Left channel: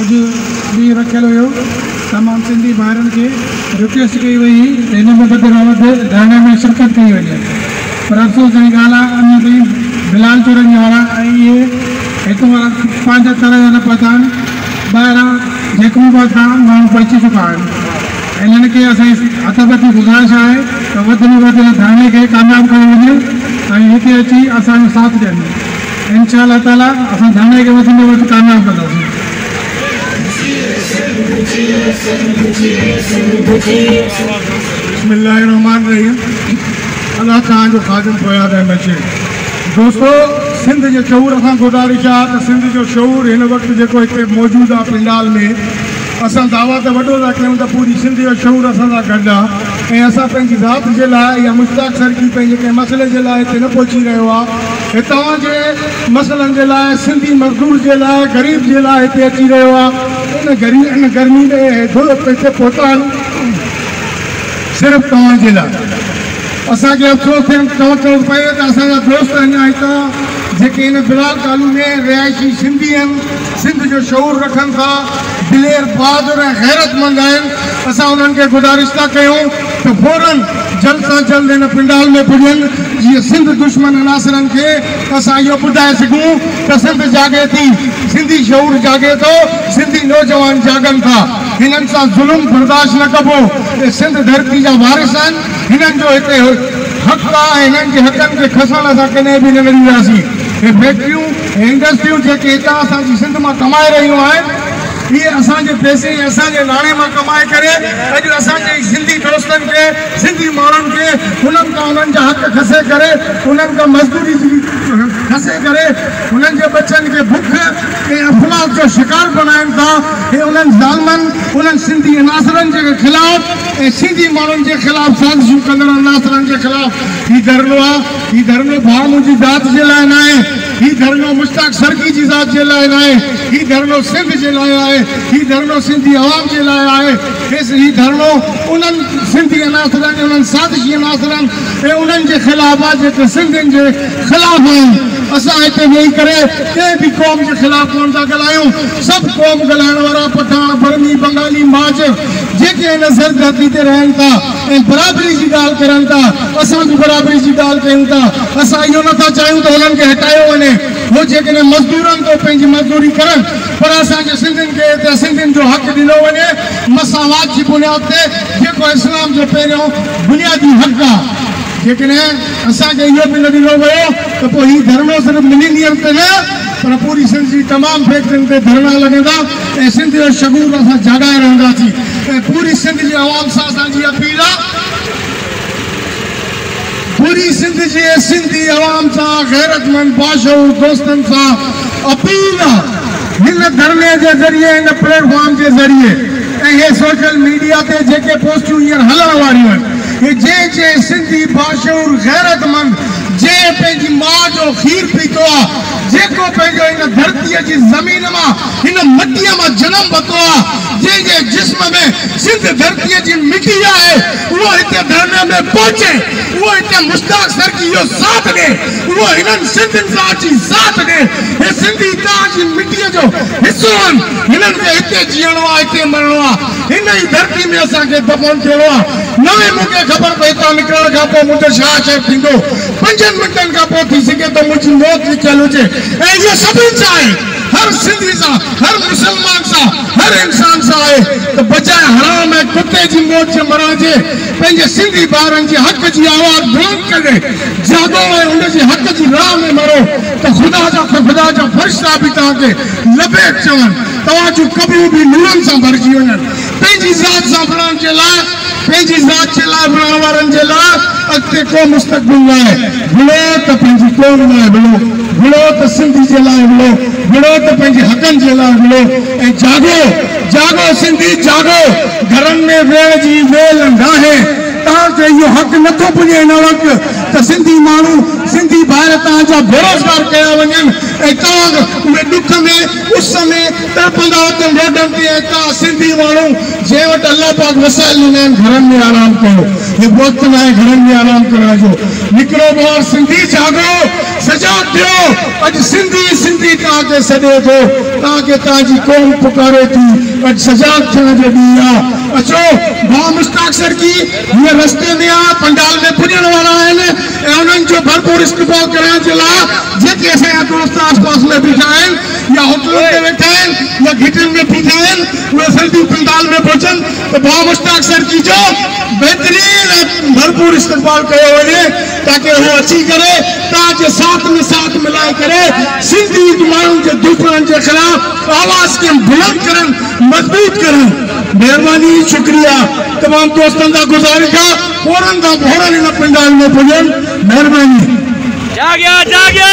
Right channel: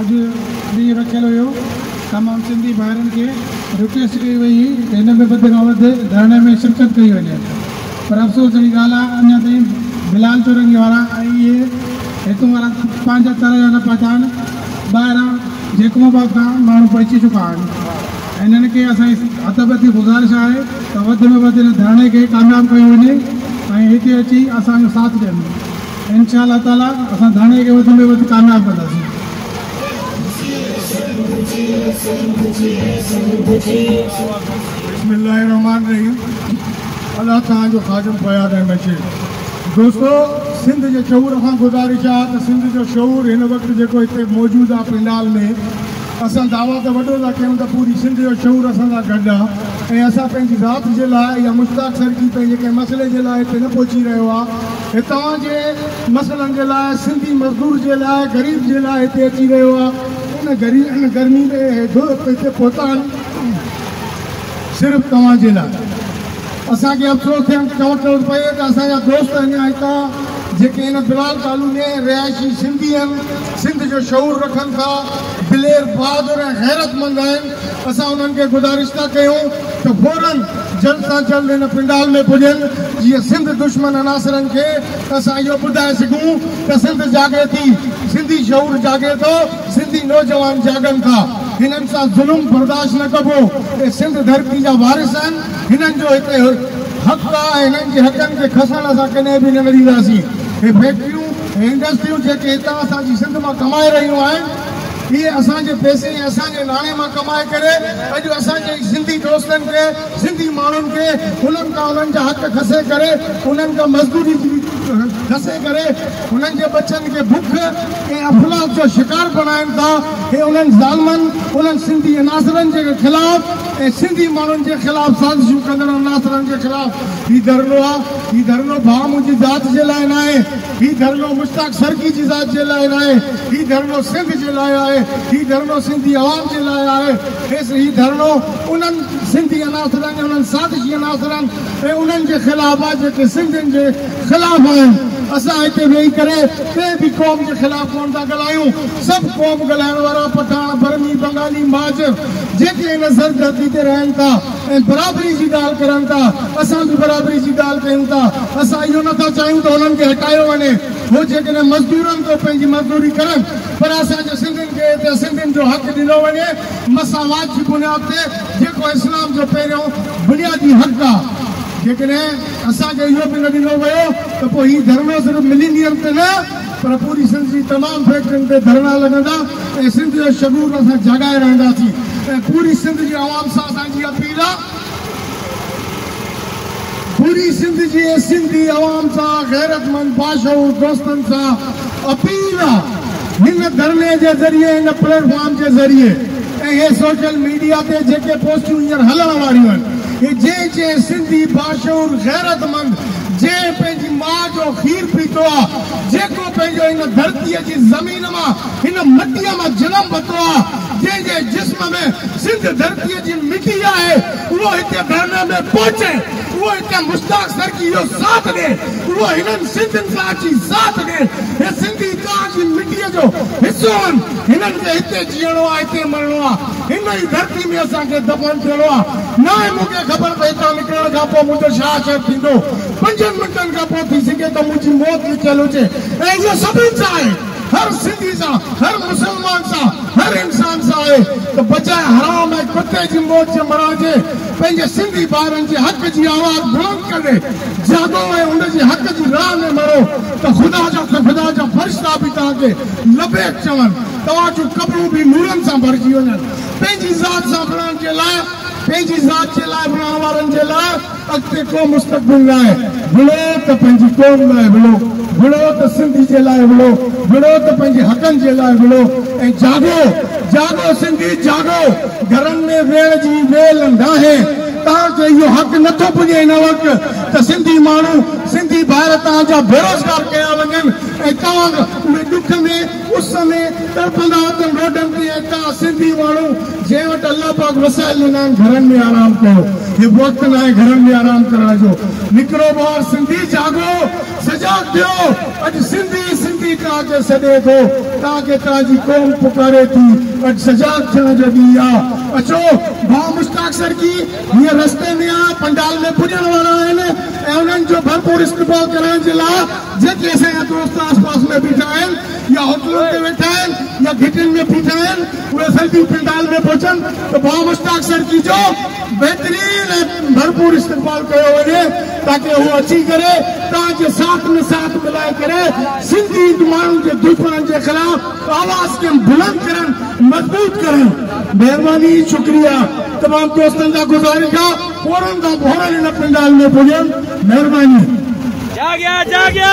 अॼु ॾींहुं रखियलु हुयो तमामु सिंधी भाइरनि खे रिक्वेस्ट कई वई हिन में वधि धरणे में शिरकत कई वञे पर अफ़सोस जी ॻाल्हि आहे अञा ताईं बिलाल चुरंगी वारा ऐं इहे हिकु पंहिंजा तरह जा न पहुता आहिनि ॿाहिरां जेको बि खां माण्हू पहुची चुका आहिनि इन्हनि खे असांजी हथपति गुज़ारिश आहे त वधि में वधि धरणे खे कामयाबु कयो वञे ऐं हिते अची असांजो साथ ॾियनि इंशा अल्लाह ताला असां धरणे खे वधि में वधि कामयाबु कंदासीं बिस्मिल्लाहिर्रहमानिर्रहीम अल्लाह तव्हांजो ख़ादिम फ़याद अहमद शेख दोस्तों सिंध जे शऊर खां गुज़ारिश आहे त सिंध जो शऊर हिन वक़्तु जेको हिते मौजूदु आहे पिंडाल में असां दावा त वॾो था कयूं त पूरी सिंध जो शऊर असां सां गॾु आहे ऐं असां पंहिंजी ज़ात जे लाइ या मुश्ताक सरकी पंहिंजे कंहिं मसइले जे लाइ हिते न पहुची रहियो आहे हे तव्हांजे मसइलनि जे लाइ सिंधी मज़दूर जे लाइ ग़रीब जे लाइ हिते अची रहियो आहे इन गर्मी में थोरो हिते पहुता आहिनि सिर्फ़ु तव्हांजे लाइ असांखे अफ़सोस चवणो पए त असांजा दोस्त अञा हितां जेके हिन बिलाल कालू में रिहाइशी सिंधी आहिनि सिंध जो शऊर रखनि था दिलेर बहादुर ऐं गैरतमंद आहिनि असां उन्हनि खे गुज़ारिश था कयूं त फौरन जल्द सां जल्द हिन पिंडाल में पुॼनि जीअं सिंध दुश्मन अनासरनि खे असां इहो ॿुधाए सघूं त सिंध जागे थी सिंधी शऊर जागे थो सिंधी नौजवान जागनि था हिननि सां ज़ुल्म बर्दाश्त न कबो सिंध धरती जा वारिस आहिनि हिननि जो हिते हक़ आहे हिननि जे हक़नि खे खसण असां कॾहिं बि न ॾींदासीं हे फैक्ट्रियूं हे इंडस्ट्रियूं जेके हितां असांजी सिंध मां कमाए रहियूं आहिनि ये असांजे पैसे असांजे नाणे मां कमाए करे अॼु असांजे सिंधी दोस्तनि खे सिंधी माण्हुनि खे उन्हनि खां उन्हनि जा हक़ खसे करे उन्हनि खां मज़दूरी खसे करे उन्हनि जे बचनि खे बुख ऐं अफ़लास जो शिकार बणाइनि था ऐं उन्हनि ज़ालमनि उन्हनि सिंधी अनासरनि जे ख़िलाफ़ ऐं सिंधी माण्हुनि जे ख़िलाफ़ साज़िशूं कंदड़ अनासरनि जे ख़िलाफ़ हीउ धरनो आहे हीउ धरनो भाउ मुंहिंजी ज़ात जे लाइ न आहे हीउ धरनो मुश्ताक सरकी जी ज़ात जे लाइ न आहे हीउ धरनो सिंध जे लाइ आहे हीउ धरनो सिंधी आवाम जे लाइ आहे हीउ धरनो उन्हनि सिंधी अनासरनि उन्हनि साज़िशी अनासरनि ऐं उन्हनि जे ख़िलाफ़ आहे जेके सिंधियुनि जे ख़िलाफ़ आहिनि असां हिते वेही करे कंहिं बि क़ौम जे ख़िलाफ़ कोन था ॻाल्हायूं सभु क़ौम ॻाल्हाइण वारा पठान बर्मी बंगाली महाजर जेके हिन सरधरती ते रहनि था ऐं बराबरी जी ॻाल्हि करनि था असां बि बराबरी जी ॻाल्हि कयूं था असां इहो नथा चाहियूं त हुननि खे हटायो वञे हो जेकॾहिं मज़दूरनि तो पंहिंजी मज़दूरी करनि पर असांजे सिंधियुनि खे हिते सिंधियुनि जो हक़ ॾिनो वञे मसावात जी बुनियाद ते जेको इस्लाम जो पहिरियों बुनियादी हक़ आहे जेकॾहिं असांखे इहो बि न ॾिनो वियो त पोइ हीउ धरनो सिर्फ़ु मिलीनियम ते न पर पूरी सिंध जी तमामु फैक्ट्रियुनि ते धरना लॻंदा ऐं सिंध जो शगूर असां जाॻाए रहंदासीं ऐं पूरी सिंध जी आवाम सां असांजी अपील आहे पूरी सिंध जे सिंधी आवाम सां गैरतमंद बाशऊर दोस्तनि सां अपील आहे हिन धरने जे ज़रिए हिन प्लेटफॉर्म जे ज़रिए ऐं इहे सोशल मीडिया ते जेके पोस्टियूं हींअर हलण वारियूं आहिनि जे सिंधी बाशऊर गैरतमंद जे पंहिंजी माउ जो खीर पीतो आहे जेको पंहिंजो हिन धरतीअ जी ज़मीन मां हिन मटीअ मां जनम वरितो आहे जंहिंजे जिस्म में सिंध धरतीअ जी मिटी आहे उहो हिते धरने में पहुचे उहो हिते मुश्ताक सरकी जो साथ ॾे उहो हिननि सिंधियुनि सां अची साथ ॾे हे सिंधी तव्हांजी मिटीअ जो हिसो आहिनि हिननि खे हिते जीअणो आहे हिते मरणो आहे हिन ई धरती में असांखे दफ़न थियणो आहे न ई मूंखे ख़बर पए हितां निकिरण खां पोइ मुंहिंजो छा शइ थींदो 5 मिंटनि खां पोइ थी सघे त मुंहिंजी मौत लिखियलु हुजे ऐं इहो सभिनी सां आहे हर सिंधी सां हर मुसलमान सां हर इंसान सां आहे त बजाए हराम ऐं कुते जी मौत जे मरण जे पंहिंजे सिंधी ॿारनि जे हक़ जी आवाज़ बुलंद करे जाॻो ऐं उन जे हक़ जी राह में मरो त ख़ुदा जा फ़रिश्ता बि तव्हांखे लबेक चवनि तव्हांजूं कबरूं बि नूरनि सां भरिजी वञनि पंहिंजी ज़ात सां बणण जे लाइ पंहिंजी ज़ात जे लाइ बणण वारनि जे लाइ अॻिते को मुस्तक़बिल न आहे भुलो त पंहिंजी क़ौम लाइ भुलो भुलो त सिंधी जे लाइ भुलो भुलो त पंहिंजे हक़नि जे लाइ भुलो ऐं जाॻो जाॻो सिंधी जाॻो घरनि में वेहण जी वेल नाहे तव्हांखे इहो हक़ नथो पुॼे हिन वक़्तु त सिंधी माण्हू सिंधी ॿार तव्हांजा बेरोज़गार कया वञनि ऐं तव्हां उहे ॾुख में उस में तड़पंदा अचनि रोडनि ते ऐं तव्हां सिंधी माण्हू जंहिं वटि अलाह पाक वसाइल ॾिना आहिनि घरनि में आराम कयो हे वक़्तु न आहे घरनि में आराम करण जो निकिरो ॿार सिंधी जाॻो सजाग थियो अज सिंधी सिंधी ताके सदे तो ताके ताजी कौम पुकारे थी अज सजाग थियण जो ॾींहुं आहे अचो भाउ मुश्ताक सर की ये रस्ते में आ पंडाल में पुजण वाला आहिनि ऐं उन्हनि जो भरपूर इस्तेमाल करण जे लाइ जेके असांजा दोस्त आसपास में बीठा आहिनि या होटलों में वेठा आहिनि या घिटियुनि में बीठा आहिनि उहे सिंधी पंडाल में पहुचनि तो भाउ मुश्ताक सर की जो बेहतरीन भरपूर इस्तेमाल कयो वञे ताकि वो अची करे तव्हांजे साथ मिलाए करे सिंधी माण्हुनि जे दुश्मन के खिलाफ आवाज़ के बुलंद करनि मजबूत करनि मेहरबानी शुक्रिया तमाम दोस्तों का गुजारिश है फौरन का फौरन इन पंडाल में पुजन मेहरबानी जाग्या